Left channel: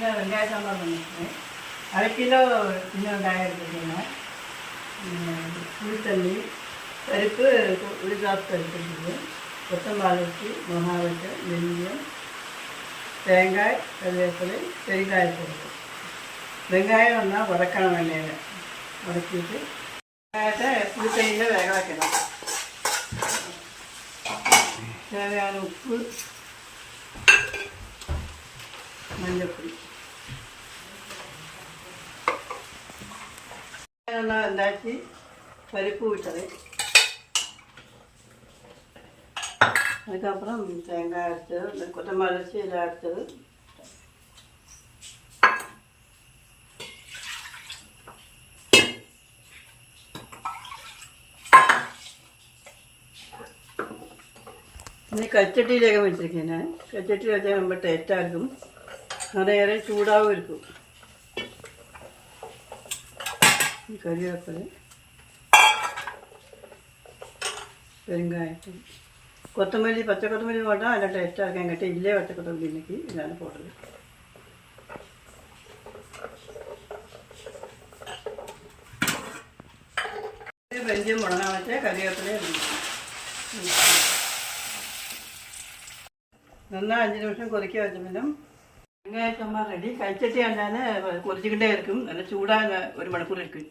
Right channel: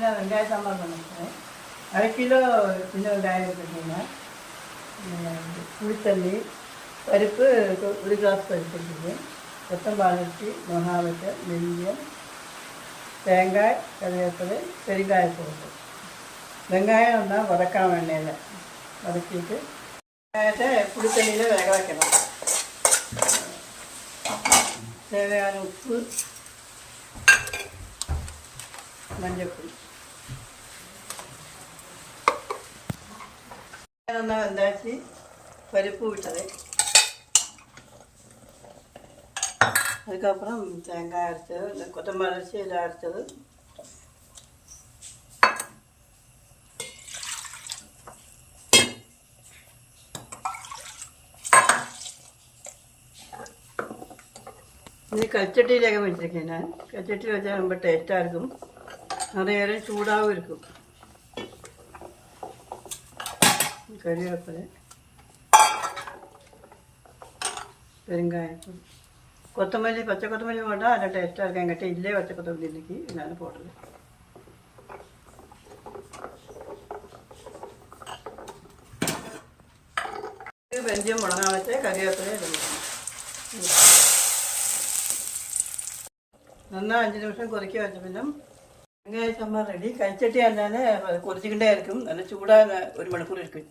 சின்ன வெங்காய சாம்பார் பண்ணிக்கிறேன். 1/2 கிலோ சின்ன வெங்காயம் எடுத்துக்கிட்டேன். புளித்தண்ணி, பருப்பு உளுந்தாப்பு எடுத்துக்கிட்டு, கொத்தமல்லி, மிளகாய், வெந்தயம், தேங்காய், கருவேப்பிலை, பெருங்காயத்தூள். வெங்காயம் ஒன்றா வதக்கணும், எண்ணெயில் வதக்கிட்டு வெங்காயத்தை புளித்தண்ணியில் வேக வைக்கணும். தேவையான உப்பு, மஞ்சள் ஒன்றா வெந்தாச்சு. பருப்பு விட்டது, அதுக்கப்புறம் தேங்காய் அரைச்சது, இந்த கொத்தமல்லி அரைச்சி இதில் அரைச்சது, இது கச்சட்டியிலேயே வச்சுருக்கேன். நான் கச்சட்டியில் வச்சா ரொம்ப டேஸ்ட்டாக இருக்கும், நிறைய நேரம் சூடாகவும் இருக்கும். கறிவேப்பிலை, பெருங்காயத்தூள், கொத்தமல்லி, பச்சை கொத்தமல்லி போட்டால் நல்லா டேஸ்ட்டாக இருக்கும். என்கிட்ட இல்லையே பச்சை கொத்தமல்லி இன்னைக்கு, இதனால போடுறது. வெந்தயம் முடங்க வச்சா கறிவேப்பிலையே இருக்கும். நல்லா 5 நிமிஷம் கொதிக்க வச்ச பின்னும் வெங்காய சாம்பார் ரெடி. கைச்சட்டி இருந்தாலும் கொதிச்சுக்கிட்டே இருக்கும். நல்லா சூடாக 1 மணிக்கூர் இருக்குது.